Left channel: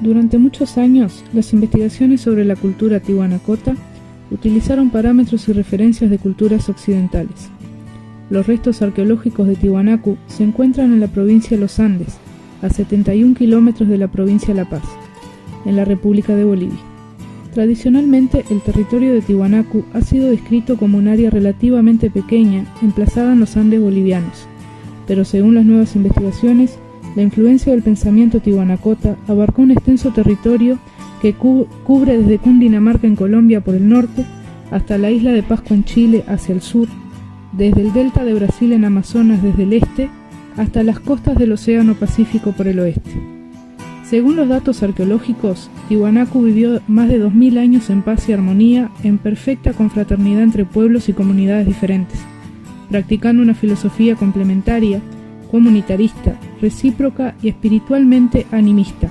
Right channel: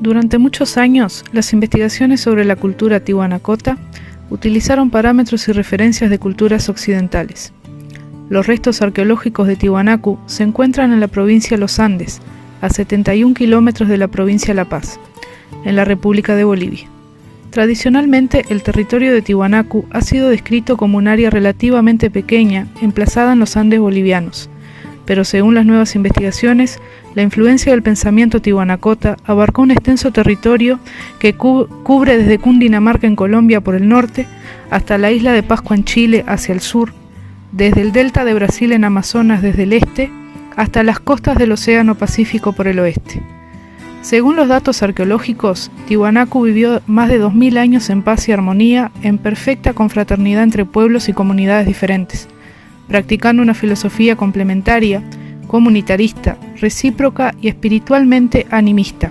Durante muchos años, las investigaciones sobre la cultura tihuanacota utilizaron parámetros y referencias de culturas occidentales. Los restos arqueológicos de Tiwanaku se encuentran en la provincia de Los Andes, a 71 kilómetros de la provincia de La Paz, en la República de Bolivia. Tradicionalmente, el territorio de Tiwanaku ha sido descrito como un área relativamente pequeña, emplazada en los Andes bolivianos, pero según las nuevas investigaciones, la influencia del pensamiento tihuanacota abarcó un extenso territorio que cubre desde Cundinamarca en Colombia por el norte hasta la isla de Pascua en Chile hacia el sur, desde el delta de Brasil en Amazonas desde el este hasta las costas del Océano Pacífico por el oeste. Según los datos arqueológicos, Tiwanaku vivió más de 2000 años en paz y armonía, en perfecta confraternidad entre pueblos y comunidades diferentes, practicando una filosofía complementaria, comunitarista, recíproca y espiritualmente animista,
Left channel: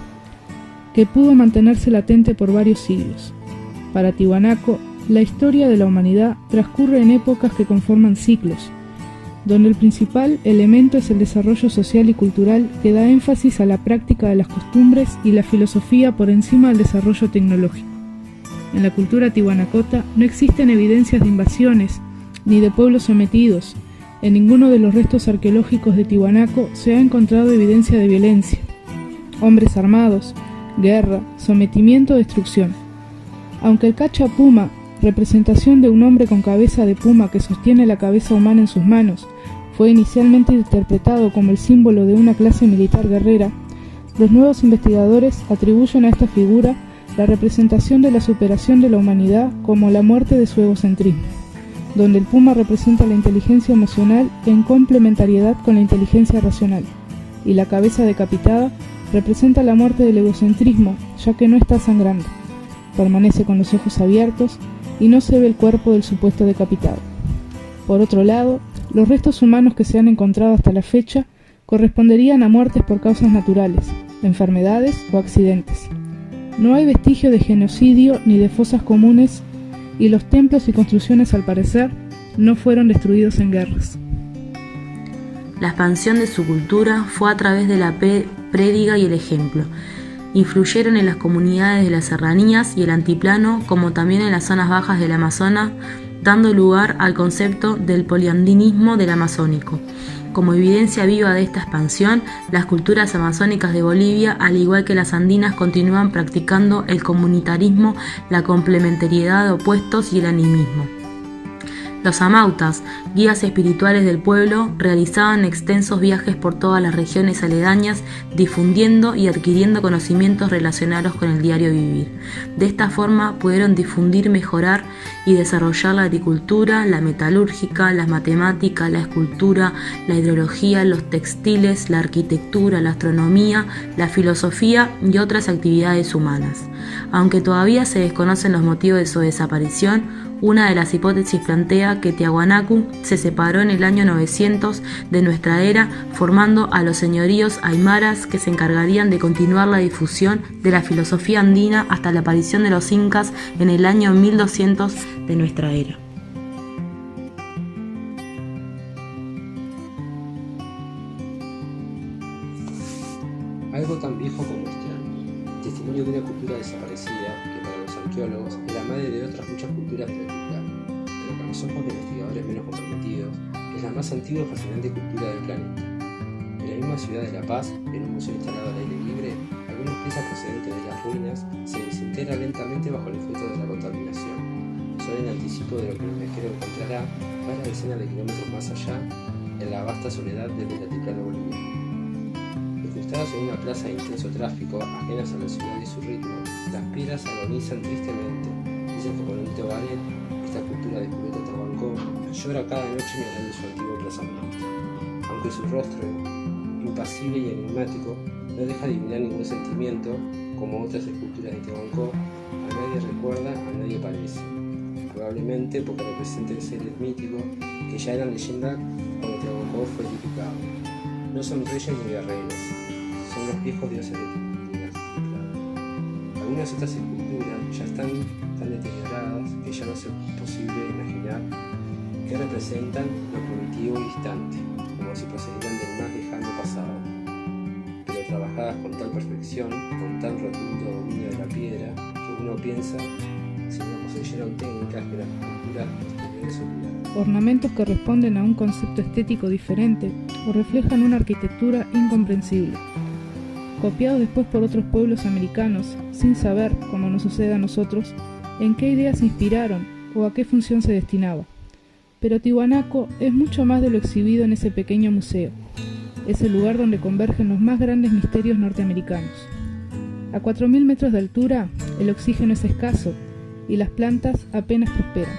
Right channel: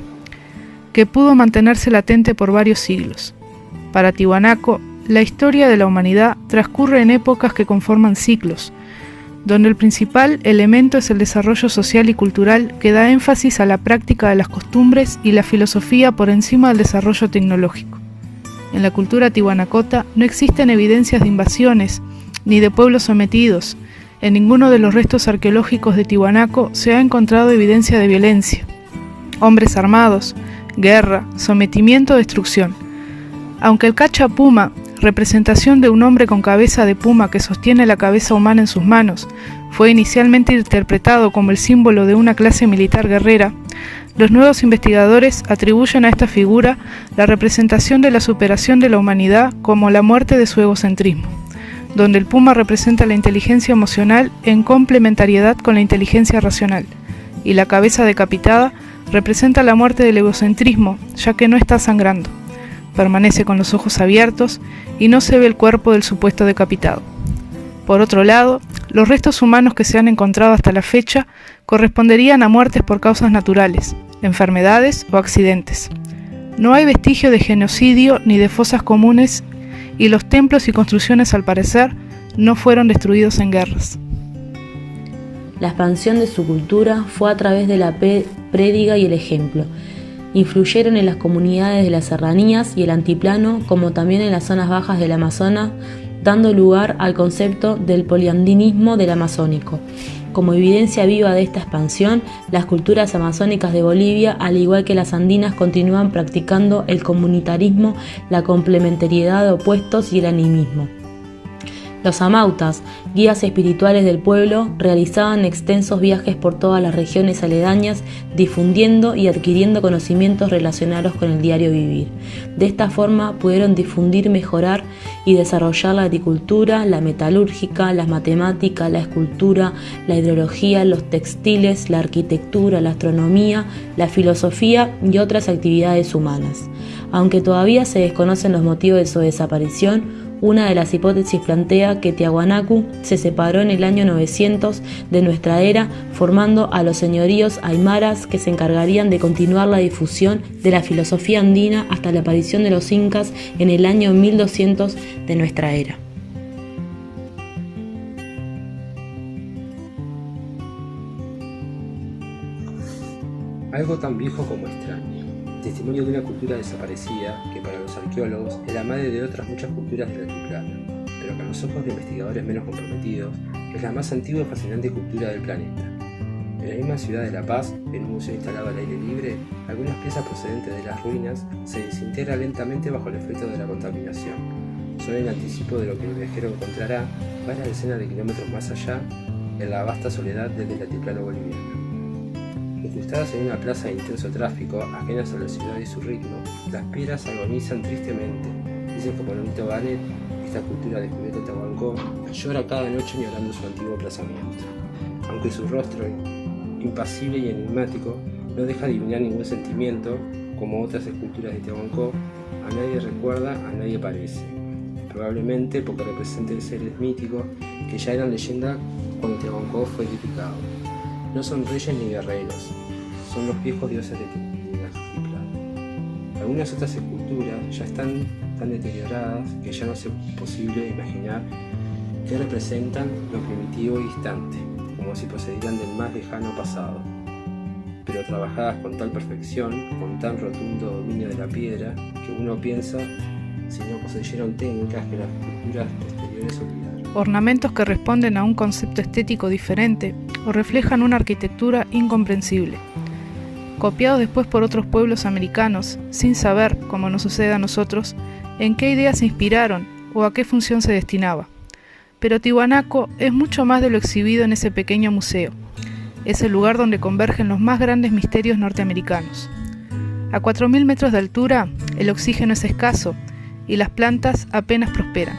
que pudo mantenerse latente por varios siglos. Para Tiwanaku, la historia de la humanidad transcurre en épocas que conforman ciclos, donde el principal elemento es el desarrollo social y cultural que da énfasis a la práctica de las costumbres y la filosofía por encima del desarrollo tecnológico. En la cultura tihuanacota no existen evidencias de invasiones ni de pueblos sometidos. En ninguno de los restos arqueológicos de Tiwanaku se ha encontrado evidencia de violencia, hombres armados, guerra, sometimiento o destrucción. Aunque el cacha puma, representación de un hombre con cabeza de puma que sostiene la cabeza humana en sus manos, fue inicialmente interpretado como el símbolo de una clase militar guerrera, los nuevos investigadores atribuyen a esta figura la representación de la superación de la humanidad como la muerte de su egocentrismo, donde el puma representa la inteligencia emocional en complementariedad con la inteligencia racional, y la cabeza decapitada representa la muerte del egocentrismo, ya que no está sangrando, permanece con los ojos abiertos y no se ve el cuerpo del supuesto decapitado. Por otro lado, los restos humanos que se han encontrado hasta la fecha corresponderían a muertes por causas naturales, enfermedades o accidentes. No hay vestigio de genocidio ni de fosas comunes, y los templos y construcciones, al parecer, no fueron destruidos en guerras. La expansión de su cultura fue a través de la prédica y el ejemplo. Influyeron en las comunidades de las serranías y el antiplano, como también en las zonas bajas del Amazonas, dando lugar al concepto del poliandinismo del amazónico. Como evidencia viva de esta expansión, las culturas amazónicas de Bolivia, al igual que las andinas, continúan practicando el comunitarismo, la complementariedad de opuestos y el animismo. Los amautas, guías espirituales del pueblo, realizaban extensos viajes por todas las regiones aledañas, difundiendo y adquiriendo conocimientos relacionados con el diario vivir. De esta forma pudieron difundir, mejorar y desarrollar la agricultura, la metalúrgica, las matemáticas, la escultura, la hidrología, los textiles, la arquitectura, la astronomía, la filosofía y otras actividades humanas. Aunque todavía se desconocen los motivos de su desaparición, una de las hipótesis plantea que Tiwanaku se separó en el año 900 de nuestra era, formando a los señoríos aymaras que se encargarían de continuar la difusión de la filosofía andina hasta la aparición de los incas en el año 1200 de nuestra era. Algo tan viejo como extraño. Testimonio de una cultura desaparecida que para los arqueólogos es la madre de otras muchas culturas del altiplano, pero que a los ojos de investigadores menos comprometidos es la más antigua y fascinante cultura del planeta. En la misma ciudad de La Paz, en un museo instalado al aire libre, algunas piezas procedentes de las ruinas se desintegran lentamente bajo el efecto de la contaminación. Son el anticipo de lo que el viajero encontrará varias decenas de kilómetros más allá, en la vasta soledad del altiplano boliviano. Incrustadas en una plaza de intenso tráfico, ajenas a la ciudad y su ritmo, las piedras agonizan tristemente. Dicen que Polonito Ganet, esta cultura de Julieta Tahuancó, llora cada noche llorando su antiguo emplazamiento. Aunque su rostro, impasible y enigmático, no deja adivinar ningún sentimiento, como otras esculturas de Tahuancó, a nadie recuerda, a nadie parece. probablemente porque representen seres míticos que ya eran leyenda cuando Tiahuanaco fue edificado. No son reyes ni guerreros, son los viejos dioses de la Altiplano. Algunas otras esculturas ya están tan deterioradas que ya no es posible imaginar que representan lo primitivo y distante, como si procedieran del más lejano pasado. Pero trabajadas con tal perfección, con tan rotundo dominio de la piedra, que uno piensa si no poseyeron técnicas que las culturas posteriores olvidaron. Ornamentos que responden a un concepto estético diferente o reflejan una arquitectura incomprensible. Copiados después por otros pueblos americanos, sin saber, como nos sucede a nosotros, en qué ideas se inspiraron o a qué función se destinaba. Pero Tiwanaku es mucho más de lo exhibido en ese pequeño museo. Es el lugar donde convergen los más grandes misterios norteamericanos. A 4.000 metros de altura, el oxígeno es escaso y las plantas apenas prosperan.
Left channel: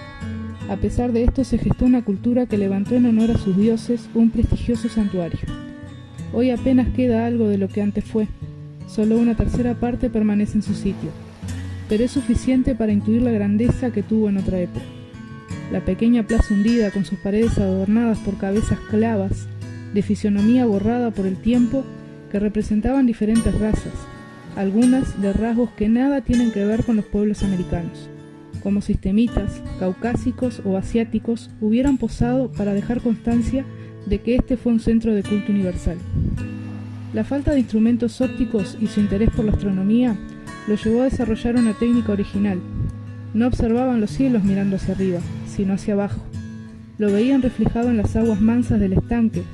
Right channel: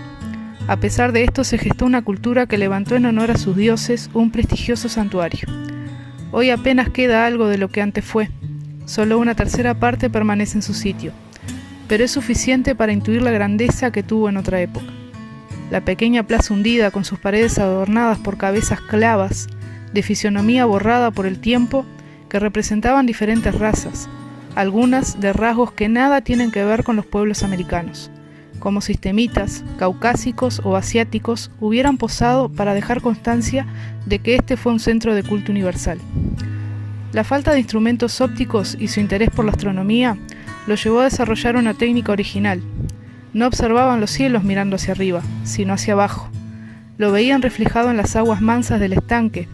A pesar de esto, se gestó una cultura que levantó en honor a sus dioses un prestigioso santuario. Hoy apenas queda algo de lo que antes fue. Solo una tercera parte permanece en su sitio, pero es suficiente para intuir la grandeza que tuvo en otra época. La pequeña plaza hundida, con sus paredes adornadas por cabezas clavas, de fisionomía borrada por el tiempo, que representaban diferentes razas, algunas de rasgos que nada tienen que ver con los pueblos americanos, como sistemitas, caucásicos o asiáticos, hubieran posado para dejar constancia de que este fue un centro de culto universal. La falta de instrumentos ópticos y su interés por la astronomía lo llevó a desarrollar una técnica original. No observaban los cielos mirando hacia arriba, sino hacia abajo. Lo veían reflejado en las aguas mansas del estanque.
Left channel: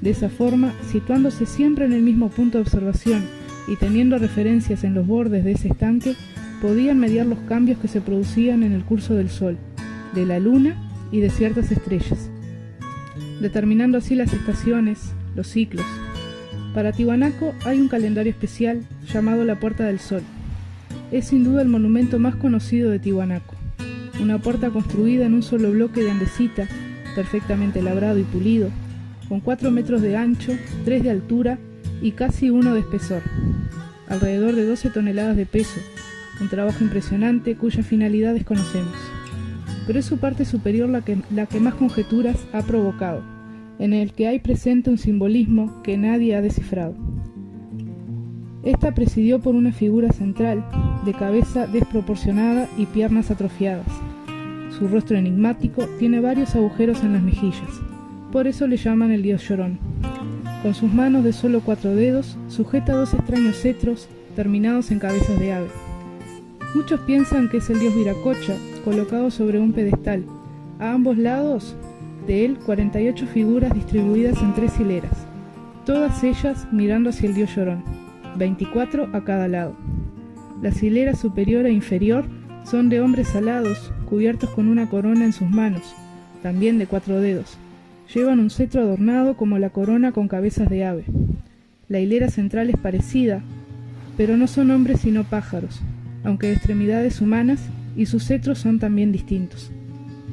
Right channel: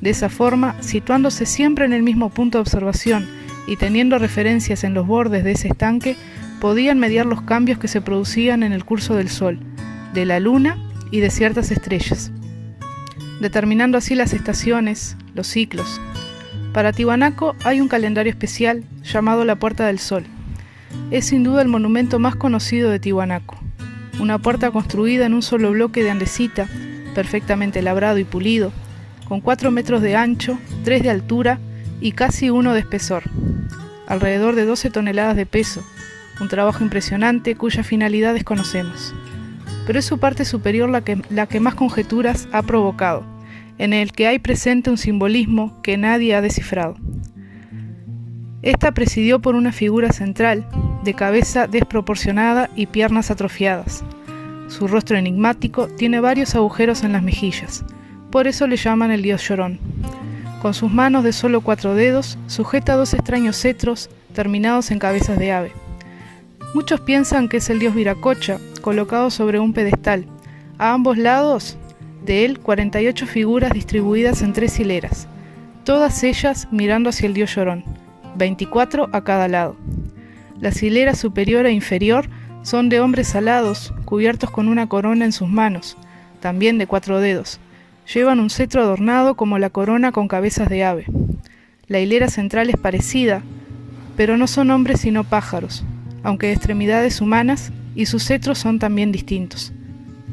De esa forma, situándose siempre en el mismo punto de observación y teniendo referencias en los bordes de ese estanque, podían mediar los cambios que se producían en el curso del Sol, de la Luna y de ciertas estrellas, determinando así las estaciones, los ciclos. Para Tiwanaku hay un calendario especial llamado la Puerta del Sol. Es sin duda el monumento más conocido de Tiwanaku, una puerta construida en un solo bloque de andesita, perfectamente labrado y pulido, con 4 metros de ancho, 3 de altura y casi 1 de espesor, alrededor de 12 toneladas de peso, un trabajo impresionante cuya finalidad desconocemos. Pero es su parte superior la que más conjeturas ha provocado, en el que hay presente un simbolismo que nadie ha descifrado. Esta presidió por una figura central, de cabeza desproporcionada y piernas atrofiadas. Su rostro enigmático tiene varios agujeros en las mejillas, por eso le llaman el dios llorón. Con sus manos de solo 4 dedos, sujeta 2 extraños cetros terminados en cabezas de ave. Muchos piensan que es el dios Viracocha, colocado sobre un pedestal. A ambos lados de él, 48 figuras distribuidas en 3 hileras, todas ellas mirando hacia el dios llorón, 24 a cada lado. Las hileras superior e inferior son de hombres alados, cubiertos con una corona en sus manos, también de 4 dedos. Llevan un cetro adornado como la corona con cabezas de ave. La hilera central es parecida, pero no son hombres sino pájaros, aunque de extremidades humanas, y sus cetros son también distintos.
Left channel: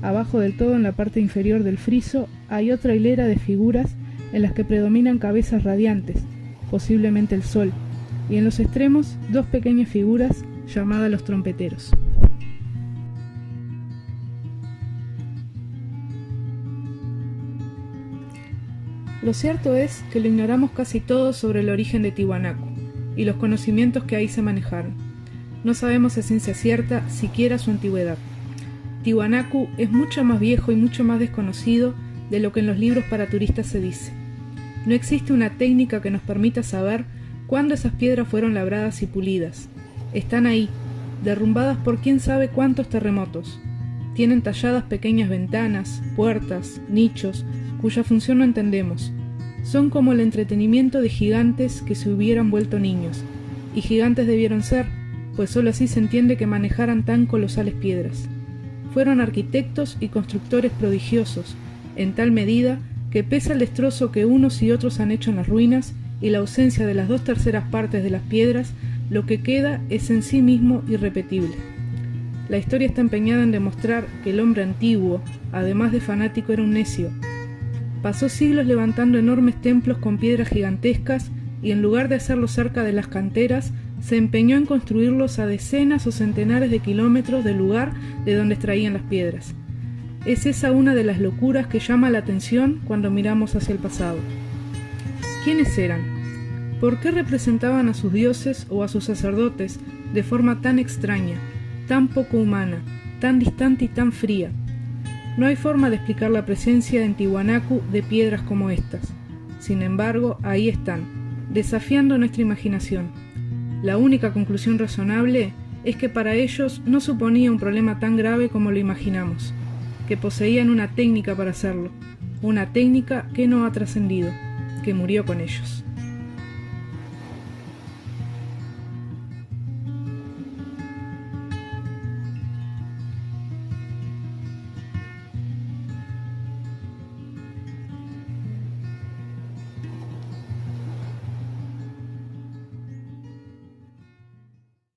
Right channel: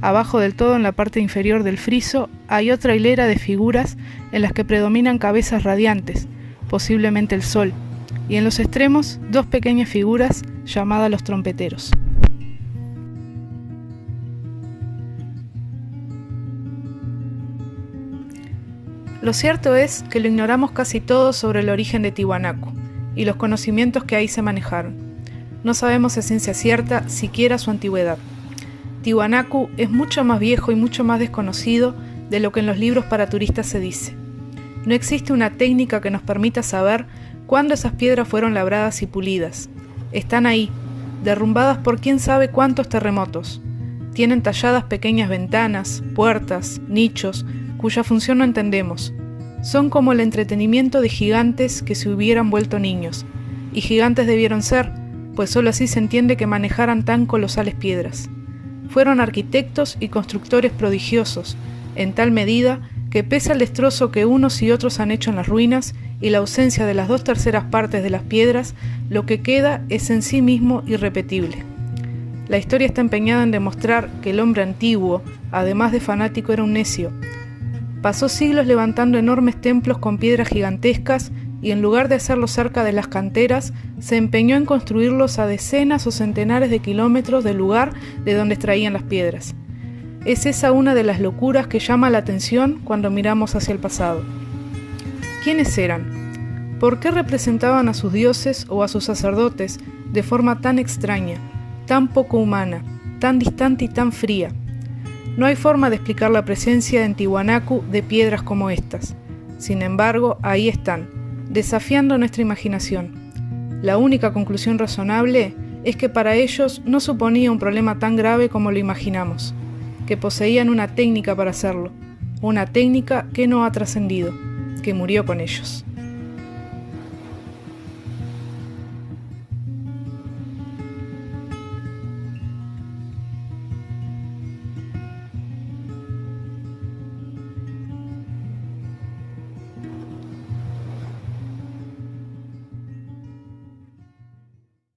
Abajo del todo, en la parte inferior del friso, hay otra hilera de figuras en las que predominan cabezas radiantes, posiblemente el sol, y en los extremos 2 pequeñas figuras llamadas los trompeteros. Lo cierto es que lo ignoramos casi todo sobre el origen de Tiwanaku y los conocimientos que ahí se manejaron. No sabemos a ciencia cierta siquiera su antigüedad. Tiwanaku es mucho más viejo y mucho más desconocido de lo que en los libros para turistas se dice. No existe una técnica que nos permita saber cuándo esas piedras fueron labradas y pulidas. Están ahí, derrumbadas por quién sabe cuántos terremotos. Tienen talladas pequeñas ventanas, puertas, nichos, cuya función no entendemos. Son como el entretenimiento de gigantes que se hubieran vuelto niños, y gigantes debieron ser, pues solo así se entiende que manejaran tan colosales piedras. Fueron arquitectos y constructores prodigiosos, en tal medida que pese al destrozo que unos y otros han hecho en las ruinas y la ausencia de las 2/3 partes de las piedras, lo que queda es en sí mismo irrepetible. La historia está empeñada en demostrar que el hombre antiguo, además de fanático, era un necio. Pasó siglos levantando enormes templos con piedras gigantescas y en lugar de hacerlo cerca de las canteras, se empeñó en construirlos a decenas o centenares de kilómetros del lugar de donde extraían las piedras. Es esa una de las locuras que llama la atención cuando miramos hacia el pasado. ¿Quiénes eran? ¿Por qué representaban a sus dioses o a sus sacerdotes de forma tan extraña, tan poco humana, tan distante y tan fría? No hay forma de explicar la presencia en Tiwanaku de piedras como estas. Sin embargo, ahí están, desafiando nuestra imaginación. La única conclusión razonable es que para ellos no suponía un problema tan grave como lo imaginamos, que poseían una técnica para hacerlo, una técnica que no ha trascendido, que murió con ellos.